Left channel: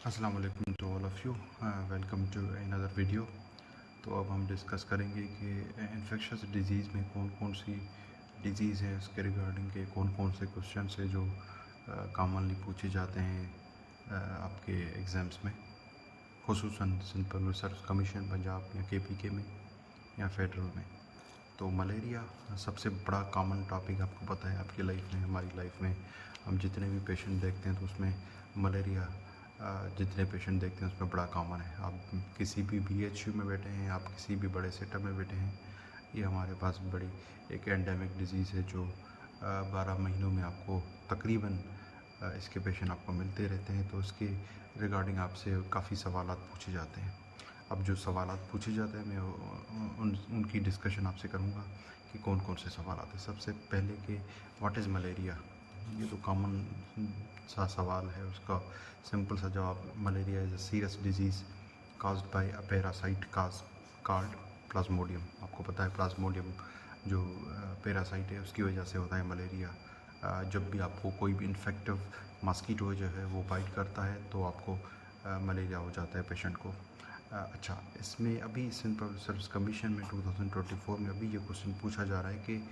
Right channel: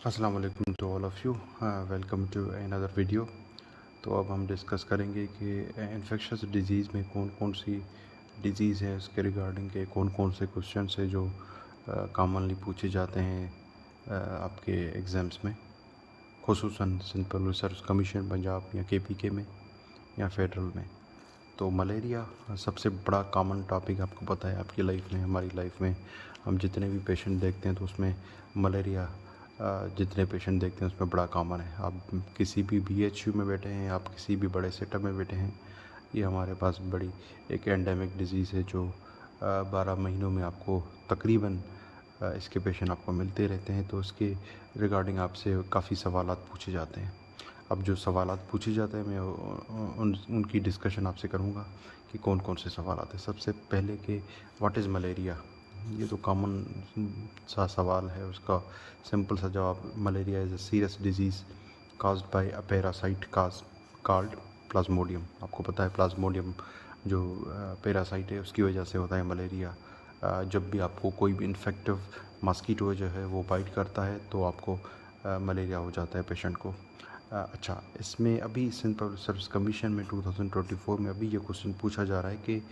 अस्सलाम वालेकुम to all of you. Welcome to another video. तो अब हम डिस्कस करेंगे कि इन्फेक्शस डिज़ीज़ में कौन कौन सी डिज़ीज़ है, उसके रिगार्डिंग के कौन कौन से क्वेश्चन है जो कॉमनली पूछे जाते हैं आपके एग्ज़ाम्स में, खुसूसन Sindh public service commission Punjab या KPK में या फेडरल में। तो मलेरिया सबसे बड़ा कॉमन टॉपिक आपको पता है, आपकी लाइफ में, हमारी लाइफ में हम जितने भी पेशेंट देखते हैं तो उसमें मलेरिया जितने पेशेंट देखते हैं उसमें बड़ा कॉमन है। आप किसी भी BHU में बैठे हैं, आप किसी भी बड़े सेटअप में बैठे हैं, ये हमारे पास बड़ी एक एंडेमिक डिज़ीज़ है जो 12 महीनों में आपको तकरीबन इसके पेशेंट आपको मिलते रहते हैं। तो इसके रिगार्डिंग आपसे काफ़ी सवालात पूछे जाते हैं। अब जो सवालात पूछे जाते हैं मैं उनकी डिस्कशन आपसे करूँगा कि कौन कौन से सवालात हैं। सबसे पहले कि व्हाट इज़ मलेरिया, ये तो कॉमन सा सवाल है। उसका सिंपल सा जवाब, malaria is a serious disease caused by a parasite called Plasmodium. आपको पता है प्लाज्मोडियम जो पैरासाइट है उसकी वजह से होता है मलेरिया। जब भी आपको कोई भी इन्फेक्टिव मस्कीटो जो है वो बाइट करता है तो आपको मलेरिया हो जाता है पेशेंट को। अच्छा, इसमें अभी सिंध पब्लिक सर्विस कमीशन में 2024 में अभी ये क्वेश्चन पूछा जा रहा है कि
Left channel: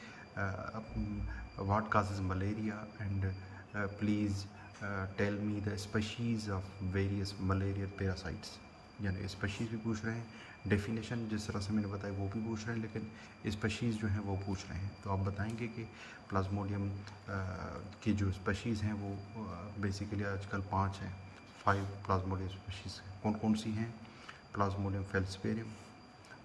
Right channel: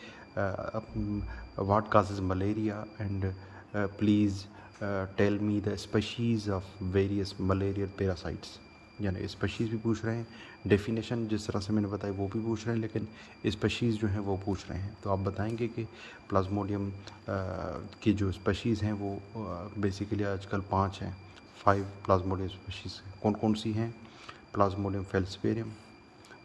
what causes malaria and please tell me the species of various malarial parasites. यानी स्पीशीज़ भी पूछ रहे हैं, डेफिनेशन जिस तरह से मैंने बताया वो भी पूछ रहे हैं, लेकिन स्पीशीज़ जो हैं वो पूछ रहे हैं। तो आप बताएंगे कि प्लाज्मोडियम की जो स्पीशीज़ हैं वो बेसिकली आजकल 5 हैं, 5 प्लाज्मोडियम स्पीशीज़ कौन कौन सी हैं? Plasmodium falciparum,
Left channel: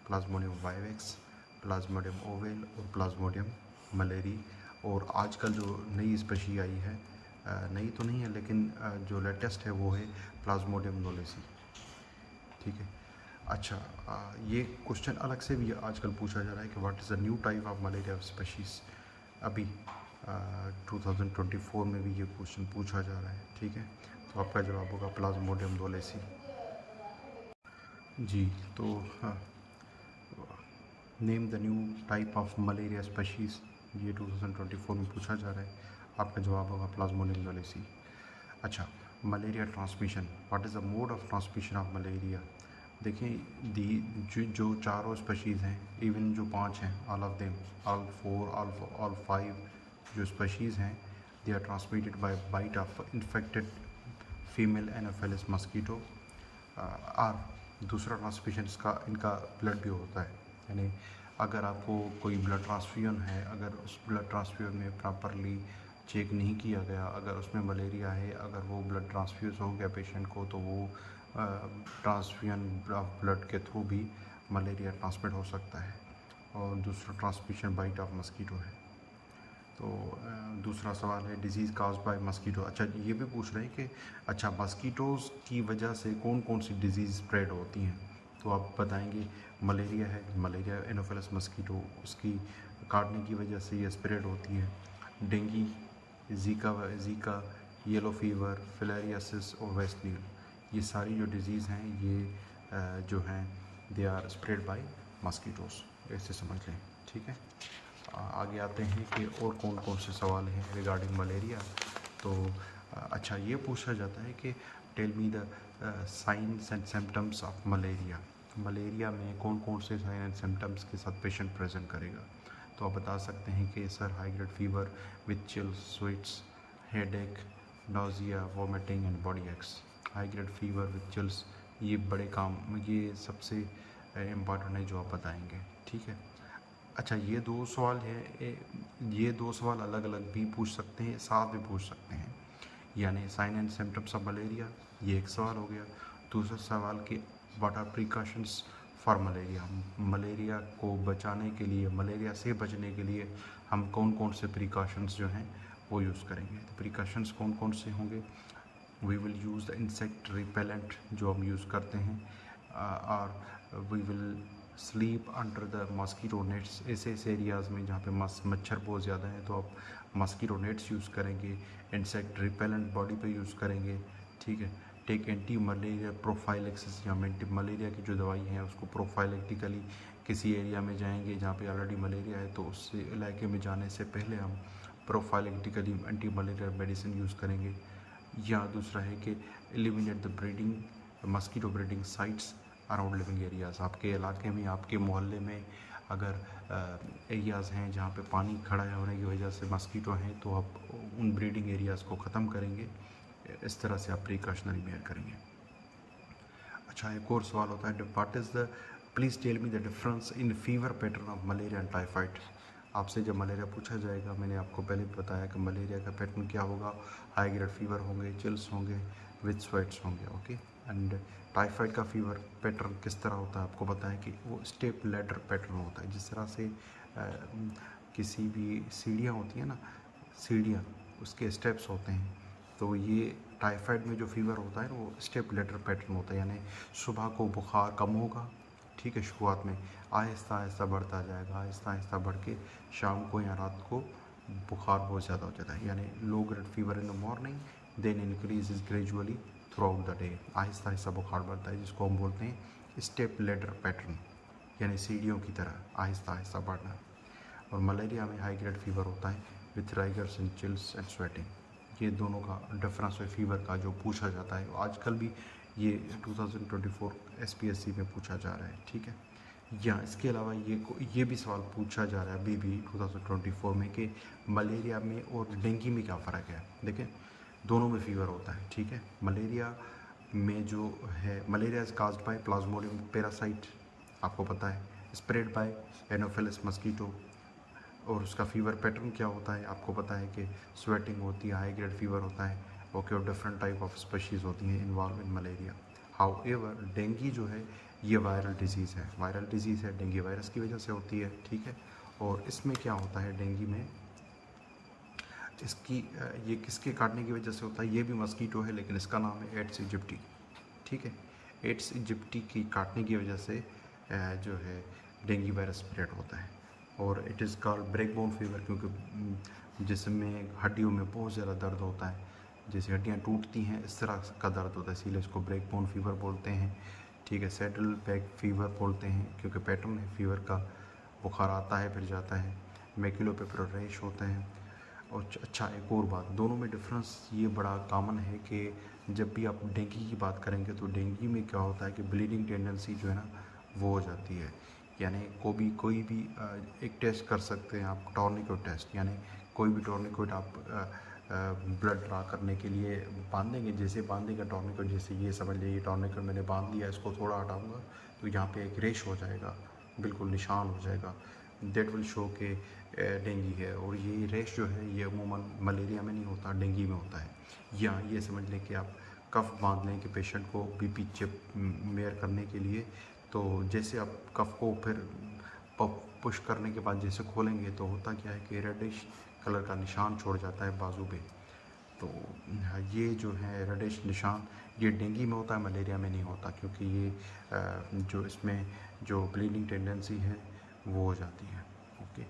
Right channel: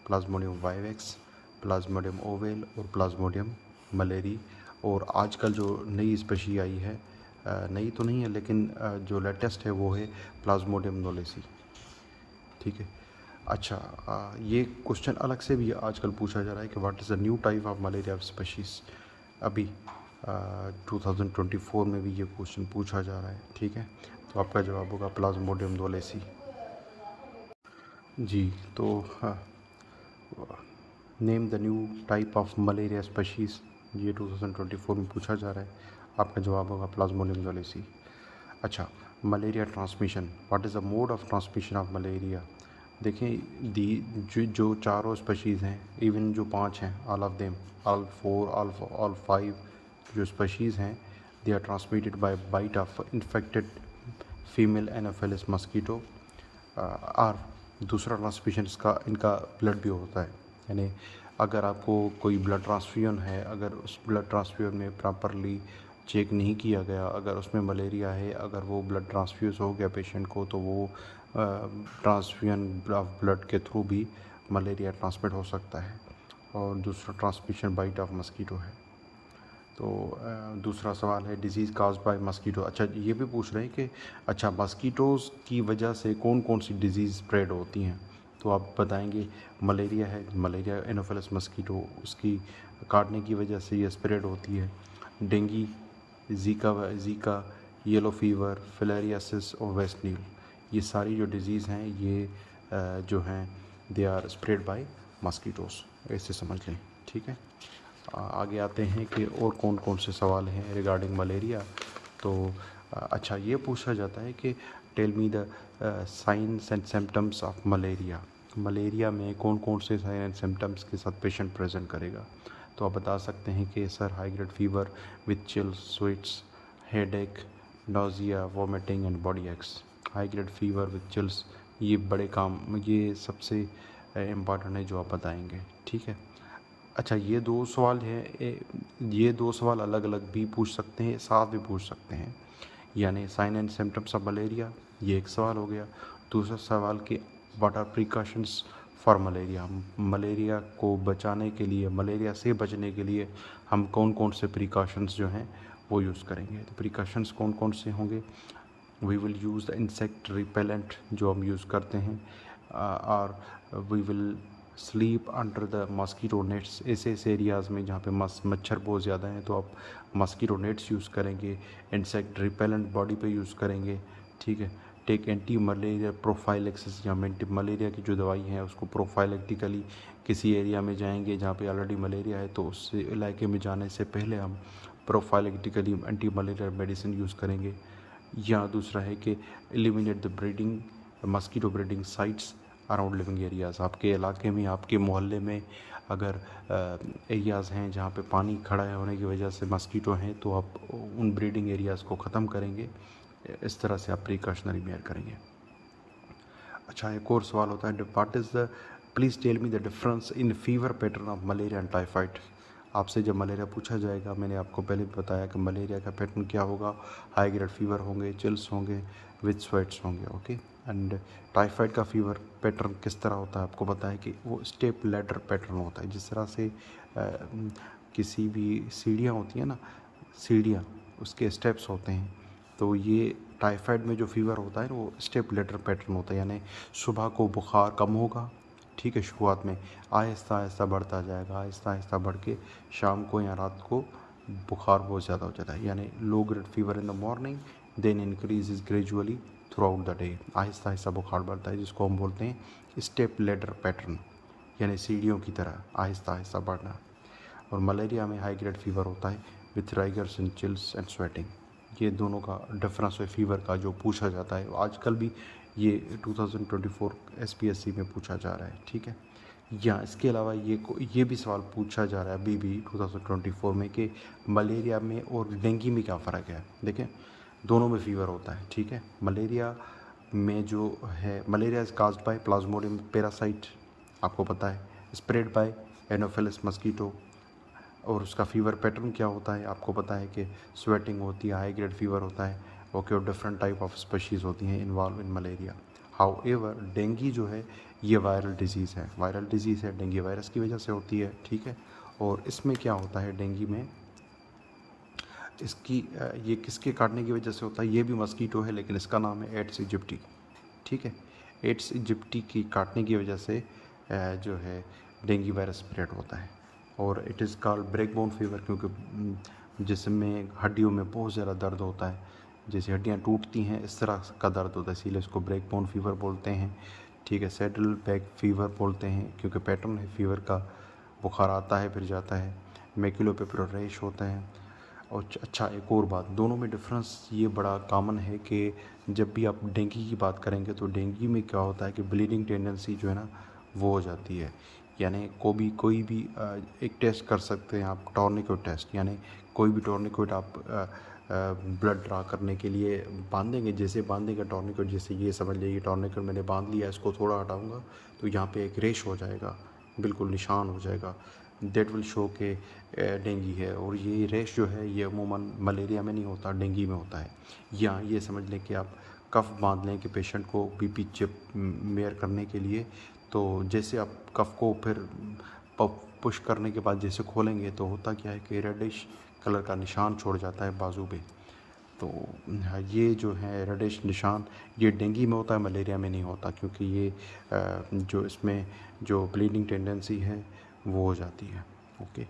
plasmodium vivax, plasmodium ovale और प्लाज्मोडियम मलेरी। और आजकल जो नई स्पीशी आई है, नई तो नहीं है लेकिन जो लेटेस्ट है वो है प्लाज्मोडियम नोलेसी। ठीक है। अच्छा, ये क्वेश्चन अलग से भी आजकल पूछा जा रहा है कि what is the new type of malaria species. अभी 2024 में भी ये क्वेश्चन पूछा जा रहा है। ठीक है, तो आपका जवाब होगा प्लाज्मोडियम नोलेसी। जी, तो name the new type of malaria species, ये 2024 में पूछा जा रहा है। आपका जवाब होगा प्लाज्मोडियम नोलेसी। अच्छा, malaria transmission, what is the mode of transmission of malaria. देखिए, जो चारों स्पीशीज़ हैं, इवन जो 5 हैं, all of them, all 4, all 5 जो स्पीशीज़ हैं, they are transmitted by bite of infected female anopheles mosquito. और दूसरा ट्रांसमिशन इनका ब्लड भी होता है। यानी अगर आपको कोई ब्लड ट्रांसफ्यूजन है, अगर उस ब्लड ट्रांसफ्यूजन में प्रॉपरली चेक नहीं किया गया, अगर उसमें मलेरिया है, अगर वो ब्लड ट्रांसफ्यूज़ हो गया पेशेंट को, तो वो ट्रांसफ्यूजन ऑफ ब्लड के थ्रू भी मलेरिया ट्रांसमिट हो सकता है। और दूसरा ट्रांसमिशन बाइट ऑफ मस्कीटो है। तो दूसरा सवाल है डिज़ीज़ काज बाय मस्कीटो। अच्छा, ये भी पूछ रहे हैं कि अच्छा मस्कीटोज़ की वजह से कौन कौन सी डिज़ीज़ स्प्रेड होती हैं। तो आप बताएंगे मलेरिया है, मलेरिया एनोफिलस मस्कीटो, उसकी काटने की वजह से ये स्प्रेड होती है। Dinghy, Zika, yellow fever, filariasis और वेस्ट नील, ये सारी जो डिज़ीज़ हैं ये जो हैं they are spread by mosquitoes, ऐसे समझ लें। ठीक है, आगे आते हैं कि और कौन कौन से सवाल हैं रिगार्डिंग मलेरिया। तो अच्छा, ये पूछा जाता है कि tell me the signs and symptoms of malaria. Malaria में कौन कौन से साइन एंड सिम्टम्स के साथ पेशेंट प्रेजेंट करेगा। तो आप बता सकते हैं कि sir high grade fever with chills, sweats, headache, nausea, vomiting and body aches. High grade fever with chills, ये बड़े काम, ये सबसे इम्पॉर्टेंट है जो आप बताएंगे। ठीक है। अच्छा, ये 2 सवाल हैं, ये 2 सवाल अलग अलग भी पूछ सकते हैं, साथ भी पूछ सकते हैं। यानी sign and symptoms of malaria, ये एक सवाल हो गया। दूसरा सवाल कि what are precautions for malaria. Malaria को बचाने के लिए, मलेरिया से बचने के लिए हम कौन कौन से प्रिकॉशंस जो हैं वो यूज़ करेंगे। तो प्रिकॉशंस कौन कौन से होंगे? We will use the insect repellent जो हम यूज़ करते हैं, और we will sleep under the mosquito nets. ऐसे एरियाज़ में जहाँ पे मच्छर बहुत ज़्यादा हैं तो आप मस्कीटो नेट्स यूज़ करेंगे, इंसेक्ट रिपेलेंट बॉडी पे यूज़ करेंगे। ठीक है। टेक एंटी मलेरिया प्रोफाइलेक्सिस, या मलेरिया की जो दवाई है उसको प्रोफाइलेक्टिकली किसी एरिया में जाएंगे जहाँ पे ऑलरेडी मलेरिया है तो उस इलाके में जाने से पहले हम prophylactically anti malaria medicine use करेंगे। या दूसरा है कि eliminate the breeding mosquito breeding sites around living areas. आपके इलाके में, आपके मोहल्ले में अगर एरियाज़ हैं जहाँ पे पानी खड़ा होने की वजह से मस्कीटो हैं, तो आप उन ब्रीडिंग एरियाज़ को ख़त्म करेंगे। इस तरह से आप प्रिकॉशनरी मेयर करेंगे। अच्छा, एक और सवाल होता है, what is the please tell me the difference in fever pattern of malaria and typhoid. आपसे जब मलेरिया पूछा जाएगा, मैंने आपको पहले बताया कि मलेरिया का पैटर्न क्या होगा, हाई ग्रेड फीवर होंगे, चिल्स होंगे, विद स्वेट्स होंगे, ओके। एंड टाइफाइड का फीवर पैटर्न किस तरह होता है, आपको बताया कि वो स्टेप लैडर पैटर्न होता है। जिस तरह से किसी भी सीढ़ियाँ होती हैं ना, सीढ़ियाँ, उसके स्टेप्स होते हैं, तो ये टाइफाइड में जो फीवर होता है वो स्टेप लेटर पैटर्न होता है। यानी सुबह को बुखार कम होगा, ठीक है, शुरुआत में आहिस्ता आहिस्ता बढ़ता जाएगा, आहिस्ता आहिस्ता बढ़ के शाम को या रात को बुखार बहुत ज़्यादा हो जाता है। यानी low grade fever in the morning, then increases gradually throughout the day. आहिस्ता आहिस्ता बुखार बढ़ता है, जिसको हम बोलते हैं स्टेप लेटर पैटर्न, यानी सीढ़ियों की तरह आहिस्ता आहिस्ता बढ़ना। और मलेरिया में हाई ग्रेड फीवर होता है with rigors and chills and sweating. ये दोनों का डिफरेंस है फीवर का जो पूछा जाता है, आजकल भी ये 2024 SPSC में पूछा जा रहा है, ठीक है। या इसके अलावा ये भी सवाल पूछा जा रहा है अभी भी 2024 में कि मलेरिया में और डेंगू में क्या फ़र्क है। देखें, दोनों में फीवर होता है, ठीक है। मलेरिया में जो है, malaria is caused by Plasmodium parasite, आपको पता है, स्प्रेड बाय एनोफिलस मस्कीटो। और उसका फीवर पैटर्न क्या होता है, आपको पता है कि स्वेटिंग होती है, हाई ग्रेड फीवर होता है, ओके। और डिफरेंट टाइप ऑफ स्पीशीज़ होती हैं involve in malaria. How ever dengue जो है ये वायरल डिजीज़ है, वायरल डिजीज़ है, डेंगू वायरस की वजह से होती है, ठीक है। और इसमें क्या होता है डेंगू में, इसकी ये किसके काटने की वजह से होता है, ये भी मस्कीटो है, लेकिन इसका नाम है एड्स इजिप्टी, ठीक है। एड्स इजिप्टी की काटने की वजह से जो है डेंगू वायरस स्प्रेड होता है। और it is called break bone fever, क्योंकि जिसमें हड्डियों में बहुत ज़्यादा दर्द होता है, जैसे हड्डियाँ टूटती हैं इस तरह का दर्द होता है, इसीलिए उसको ब्रेक बोन फीवर बोलते हैं, ठीक है। सैडल बैक फीवर बोलते हैं क्योंकि पैटर्न है फीवर का, बुखार आता है फिर जाता है। मैक्यूलो पे रैश होते हैं। और अच्छा, एक और बात, दोनों में डिफरेंस ये बड़ा कॉमन है कि जब भी आप डेंगू की बात करेंगे तो डेंगू में क्या होता है कि ब्लीडिंग टेंडेंसी जो है ना वो हो जाती है। यानी कोई भी एक टेस्ट कर सकते हैं आप, टॉर्निकेट टेस्ट, यानी कोई भी टॉर्निकेट आप ब्लड ड्रा करने के लिए बांधेंगे, जैसे बांधेंगे टॉर्निकेट, जैसे ये समझ लीजिए टॉर्निकेट मैंने बांध लिया, इसको थोड़ा हटाऊंगा तो यहाँ पे एक रेश हो जाएगा, बिल्कुल निशान हो जाएगा, दैट विल शो के डेंगू है। और ये रेश जो है ये अमूमन मलेरिया में नहीं होता, डेंगू में होता है। या ये समझ लें कि आप कफ बांध लें कि पेशेंट को BP चिप मेयर करने के लिए, तो जैसे आप कफ को फिर पुश करने के बाद जैसे खोलेंगे तो होता क्या है कि रेडिश कलर का निशान छोड़ जाता है बाजू पे। तो ये जो है रेडिश निशान ये डेंगू में होता है, मलेरिया में नहीं होता, क्योंकि ये जो इसमें जो ब्लीडिंग टेंडेंसी है वो हो जाती है, ओके।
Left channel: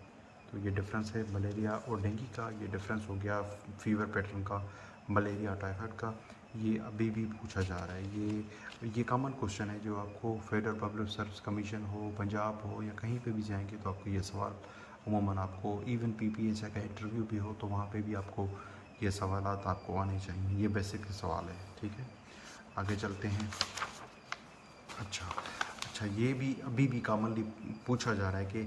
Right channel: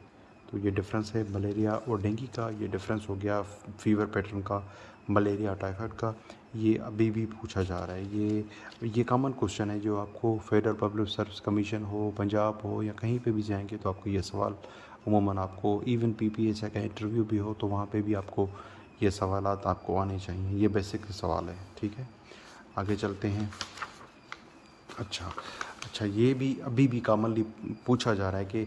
तो ये डिफरेंस है मलेरिया और डेंगू का, ये डिफरेंस हो गया फीवर पैटर्न का, मलेरिया टाइफाइड का। ये अभी भी पूछा जा रहा है, ये कॉमन क्वेश्चन है जो आपको फेडरल पब्लिक सर्विस कमीशन हो, पंजाब हो, या कहीं पे भी जाएंगे तो आपको ये सवाल उमूमन आपको, इवन PPSC का इंटरव्यू भी हो तो वहाँ पे भी आपको ये सवालात आपको आने चाहिए। ये बेसिक सवाल है, ठीक है। आगे चलते हैं। अच्छा, ये भी अभी भी कॉमनली पूछा जा रहा है कि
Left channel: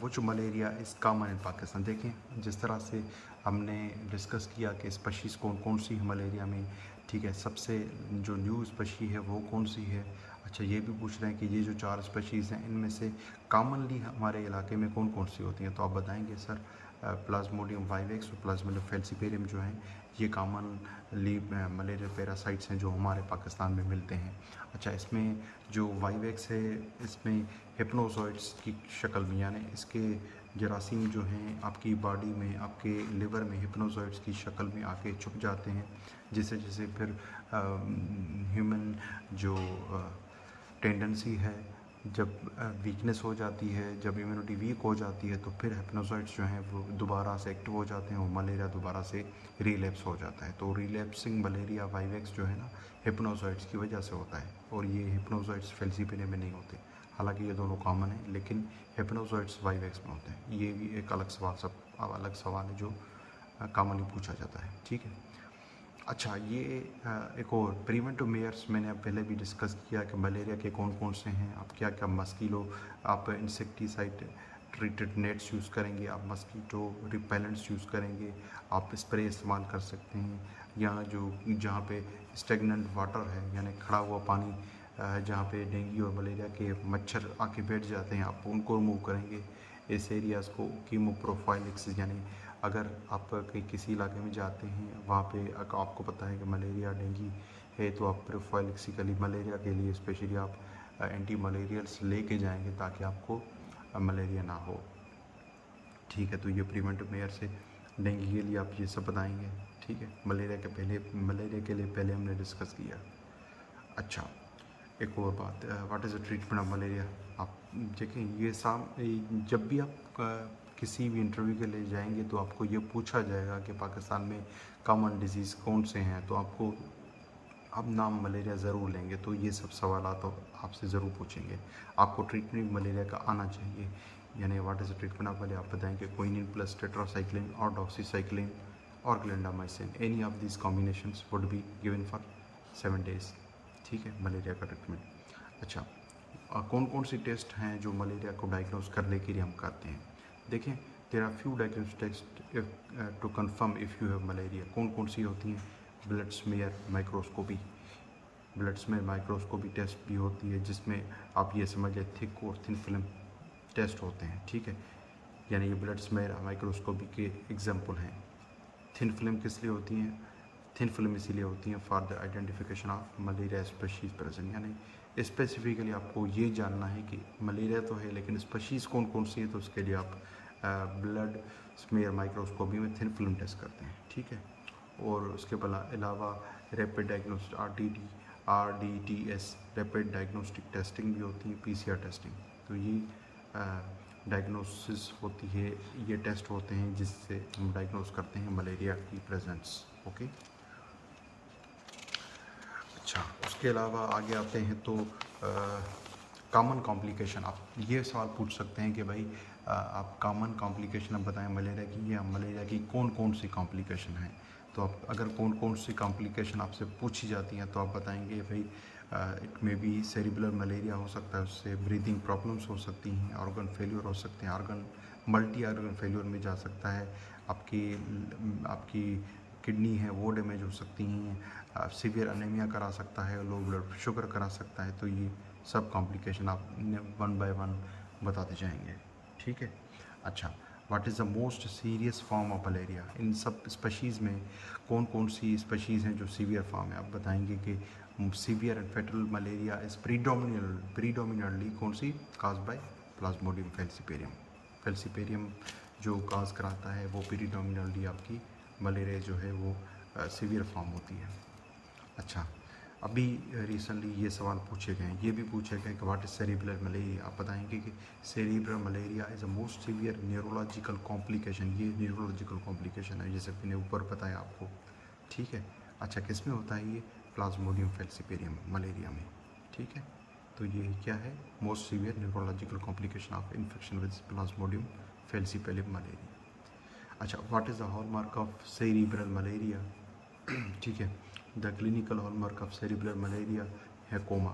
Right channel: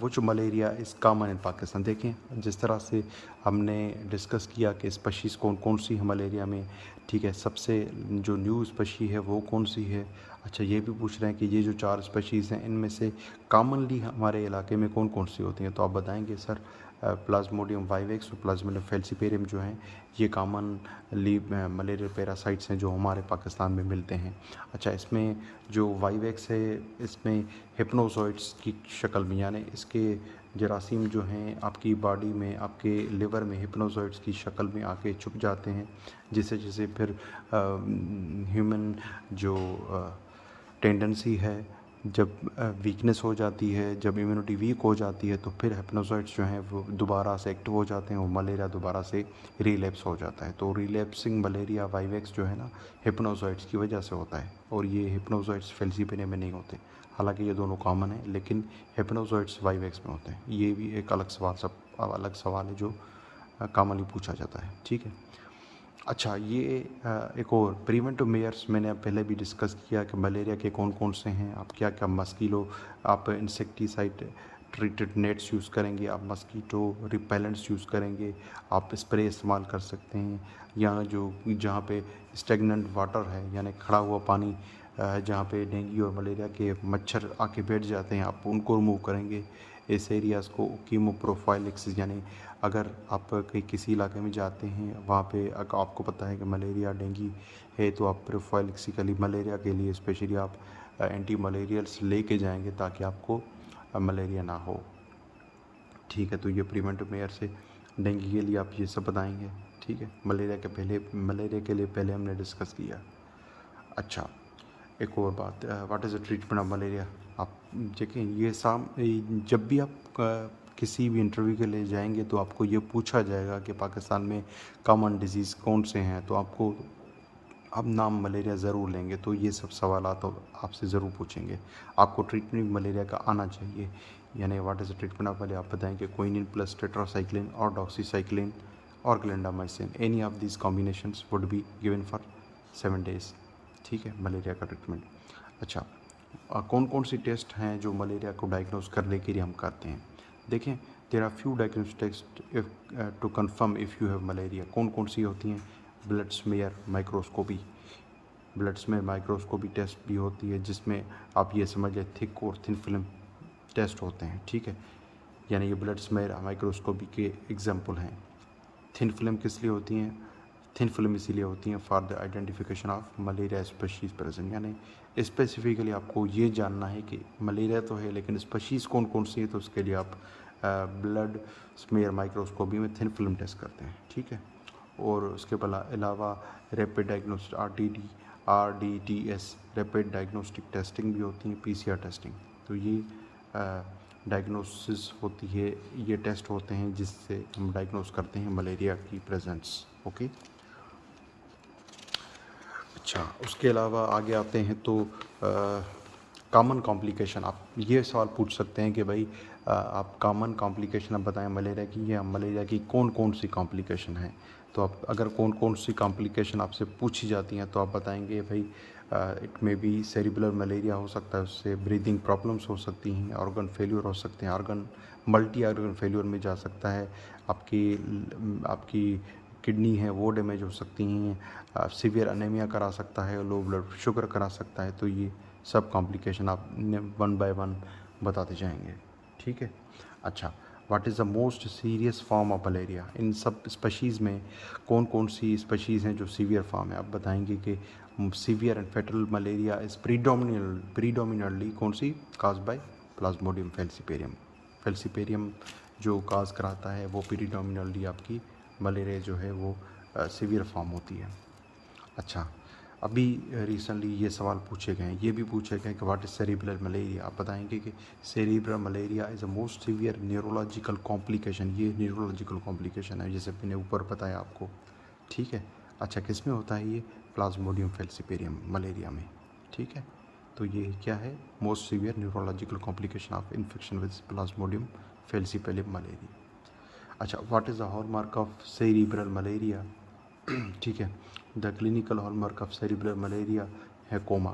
वो जो malaria is common in Pakistan. देखें, जिस तरह से हमने डिस्कस किया कि स्पीशीज़ कौन कौन सी है मलेरिया में, ठीक है, सबसे जो न्यू स्पीशी है वो कौन सी है। अच्छा, ये भी पूछ रहे हैं कि ये जो 4 स्पीशीज़ हैं इनमें से कॉमनली हमारे इलाके में कौन कौन सी होती हैं, तो आप बताएंगे सर प्लाज्मोडियम वाइवेक्स और प्लाज्मोडियम फेल्सीपेरियम जो हैं ये कॉमनली मलेरिया पैरासाइट्स हैं जो हमारे पाकिस्तान में मिलते हैं। अच्छा, इसमें जो वाइवेक्स है इसमें हिप्नोजॉइड्स की शक्ल में, यानी इसके जरासीम जो हैं आपकी बॉडी में, आपके लिवर में हिप्नोजॉइड्स की शक्ल में आके छुप जाते हैं, जिसे जिसे फिर ह्यूमन जो टेंडेंसी है, जब वीकनेस हो जाती है, जब इम्यूनिटी वीक हो जाती है, तो फिर हिप्नोजॉइड्स जो हैं वो दोबारा से एक्टिव हो जाते हैं और मलेरिया दोबारा से रिलैप्स हो जाता है। तो रिलैप्सिंग मलेरिया वाइवेक्स जो है ना हिप्नोजॉइड्स की वजह से होता है, और ये हिप्नोजॉइड्स फेल्सीपेरियम में नहीं होते। हालांकि ये दोनों कॉमन है, लेकिन हिप्नोजॉइड्स वाइवेक्स में होते हैं। ये भी एक अलग सवाल है जो कॉमनली पूछा जाता है, ठीक है। अच्छा, ये एक और प्रिवेंटिव मेयर्स मैंने पहले भी डिस्कस किया कि मलेरिया के कौन कौन से हैं। आप क्या क्या मस्कीलो, आप इंसेक्टिसाइड ट्रीटेड नेट्स यूज़ करेंगे, आप मस्कीटो रिपेलेंट्स यूज़ करेंगे, आप स्प्रे इस्तेमाल कर सकते हैं, या जो जहाँ पे स्टेगनेंट वाटर है यानी खड़ा हुआ पानी जहाँ पे डेंगू और मलेरिया के मच्छर आके बैठ जाते हैं, आप उनको रिमूव करेंगे। इस एरियाज़ को कीमोप्रोफाइलिक्स, यानी अगर आप कहीं किसी इलाके में जाते हैं वहाँ पे अगर आपको पता है कि मलेरिया डेंगू है, तो आप प्रोफाइलिक्सिकली मलेरिया के लिए स्पेशली आप एंटी मलेरियल्स लेके जाएंगे ताकि आपको मलेरिया ना हो। ठीक है, तो ये प्रिवेंटिव मेयर से डेंगू के लिए आप ये सब बताएंगे। ठीक है, मलेरिया के लिए पहले हमने डिस्कस किया। अच्छा, एक और बात, what is the treatment of malaria. आप देखें, जब भी आप किसी भी इंटरव्यू के लिए जाएंगे तो आपको ये पूछा जाएगा कि पाकिस्तान में कॉमन डिजीज़ कौन से हैं, तो आपको आप नाम मलेरिया ज़रूर लेंगे, तो ये सब सवाल तो आपसे ज़रूर पूछेंगे। आपको ट्रीटमेंट मलेरिया का आना चाहिए, यानी what is the treatment of malaria. आप बताएंगे क्विनिन प्लस टेट्रासाइक्लिन और डॉक्सीसाइक्लिन और clindamycin, any of these combinations would be given for 7 days. ठीक है, मलेरिया का ट्रीटमेंट। अच्छा, कौन कौन सी टेस्ट हैं जो मलेरिया को डायग्नोज करने के लिए हम करते हैं। देखें, there are few diagnostic test to confirm if you have malaria. कौन कौन सी होती हैं। Blood smear microscopy, blood smear microscopy test भी होती है, जिसमें आप ये समझ लें थिक और थिन फिल्म टेस्ट होते हैं। ठीक है, यानी ये ब्लड स्मेयर माइक्रोस्कोपी के एग्जाम्पल हैं। थिन फिल्म किस लिए होती हैं। थिन फिल्म इसीलिए होती हैं for the identification of malaria species present, यानी स्पेसिफिकली आपको ये जानना है कि मलेरिया तो है लेकिन स्पीशीज़ कौन कौन सी है, तो उसके लिए आप ब्लड स्मेयर माइक्रोस्कोपी में थिन फिल्म टेस्ट करते हैं। ठीक है, और उसके अलावा rapid diagnostic RDTS rapid diagnostic testing भी होती है, PCR टेस्टिंग। तो ये डायग्नोसिस होती है, ये टेस्ट होते हैं जिससे हम डायग्नोस करते हैं मलेरिया की प्रेजेंस। ओके, अच्छा, उसके अलावा आगे आते हैं तो कॉमन कॉम्प्लिकेशन। आप ये सवाल पूछ सकते हैं कि भाई आप कॉमन कॉम्प्लिकेशन आप बताएं मलेरिया की, या मलेरिया की कौन कौन सी कॉम्प्लिकेशन हैं। तो आप अगर कौन कौन सी कॉम्प्लिकेशन आपसे पूछी जाती हैं तो आप बताएंगे भाई इट में बी सेरिबुलर मलेरिया हो सकता है, उससे ब्रीदिंग प्रॉब्लम्स हो सकती हैं, ऑर्गन फेल्यूर हो सकते हैं, मल्टी ऑर्गन फेल्यूर में जा सकता है, आपकी किडनी है वो डैमेज हो सकती हैं, सीवियर अनेमिया करा सकता है, लो ब्लड शुगर करा सकता है। तो ये सब कॉम्प्लिकेशन आप 1 बाय 1 बताते जाएंगे। ठीक है, अच्छा, what is the most serious form of malaria. इन सब स्पीशीज़ में कौन कौन सी स्पीशीज़ हैं जो सीवियर फॉर्म है। आप बताएंगे कि severe and fatal malaria is predominantly कौन सी काज बाय प्लाज्मोडियम फेल्सीपेरियम जो काज कराता है वो प्रीडोमिनेटली आपकी मलेरिया जो है वो सीवियर फॉर्म होती है। अच्छा, अभी रिसेंटली ये सवाल पूछे गए, ये भी पूछे गए कि व्हाट इज़ सेरिब्रल मलेरिया। आप बताएंगे कि cerebral malaria is a most severe neurological complication. ये न्यूरोलॉजिकल कॉम्प्लिकेशन है जैसे मैंने ऊपर बताया आपको। ठीक है, अच्छा, किस में होता है ये, प्लाज्मोडियम फेल्सीपेरियम मलेरिया में। ठीक है, तो ये क्या है, most severe neurological complication of infection with plasmodium falciparum malaria. अच्छा, what is the hallmark of cerebral malaria. ठीक है, the clinical hallmark of cerebral malaria है coma.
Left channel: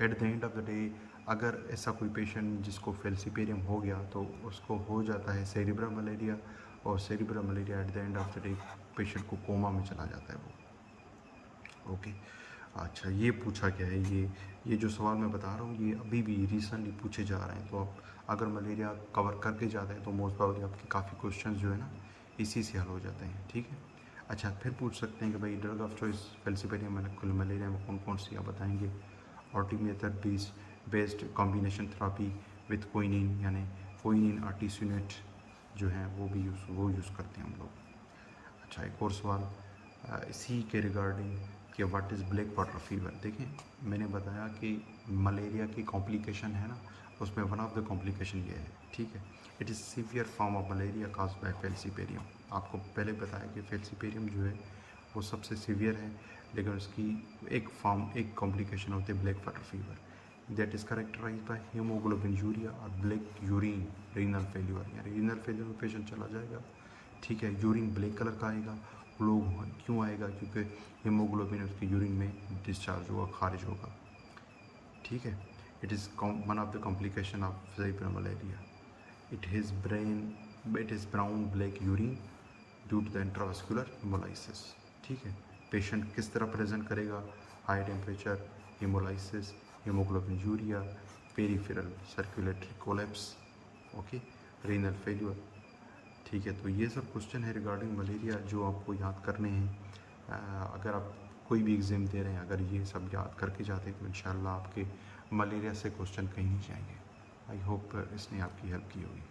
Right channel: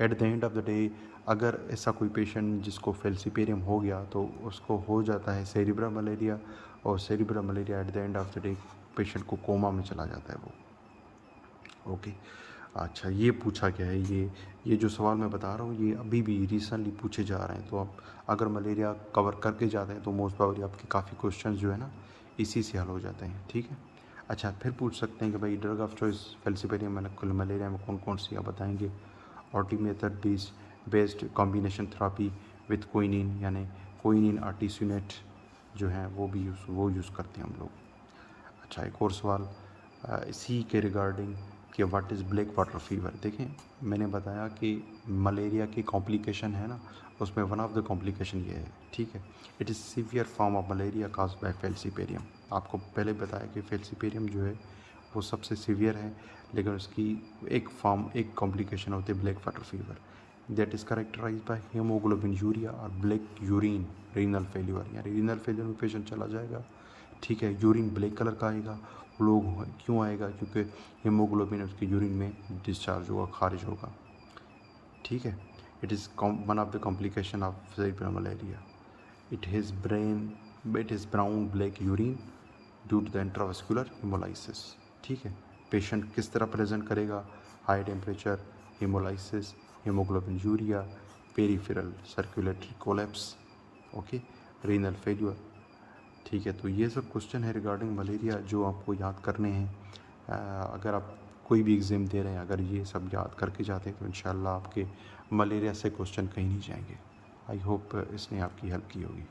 At the end of the day अगर ऐसा कोई पेशेंट जिसको फेल्सीपेरियम हो गया तो उसको हो जाता है सेरिब्रल मलेरिया, और cerebral malaria eight the end of the day patient को कोमा में चला जाता है वो। ओके, अच्छा, ये पूछा गया है, ये जो सवाल मैं बता रहा हूँ ये अभी भी रिसेंटली पूछे जा रहे हैं। तो आप अगर मलेरिया कवर करके जाते हैं तो मोस्ट प्रोबेबली आपके काफ़ी क्वेश्चन जो है ना इसी से हल हो जाते हैं। ठीक है, अच्छा, फिर पूछ सकते हैं कि भाई drug of choice falciparum malaria में कौन कौन सी, आप बताएंगे artemether based combination therapy with quinine, यानी क्विनिन आर्टिसुनेट जो है वो यूज़ करते हैं हम लोग। अच्छा, एक और सवाल इसी के रिगार्डिंग कि what is black water fever. देखें, मैंने बताया कि मलेरिया की कॉम्प्लिकेशन है ना, उसमें वन ऑफ द कॉम्प्लिकेशन ये है। ठीक है, it is severe form of malaria caused by falciparum. आपको पहले बताया कि फेल्सीपेरियम जो है वो सबसे सीवियर है, लेकिन उसकी एक कॉम्प्लिकेशन होती है black water fever, that is characterise by haemoglobinuria और ब्लैक यूरिन रीनल फेल्यूर, या रीनल फेल्यूर में पेशेंट चला जाएगा। ठीक है, यूरिन ब्लैक कलर का आएगा फ्लो क्यों आएगा? क्योंकि हीमोग्लोबिन उसके यूरिन में डिस्चार्ज होगा, खारिज होगा। ठीक है। It is one of the complication of cerebral malaria. It is brown black urine due to the intravascular haemolysis. ठीक है। पेशेंट किस तरह प्रेजेंट करेगा? High temperature, haemolysis, haemoglobinuria, peripheral circulatory collapse, okay, renal failure. ठीक है। तो ये सब क्वेश्चन है रिगार्डिंग मलेरिया जो आपको याद करने हैं। अगर आप कोई भी एग्ज़ाम दे रहे हैं, अगर ये सब याद करके जाते हैं तो इंशाल्लाह आपके मलेरिया से क्वेश्चन कहीं नहीं जाएंगे। आई होप इसने आपकी हेल्प की होगी।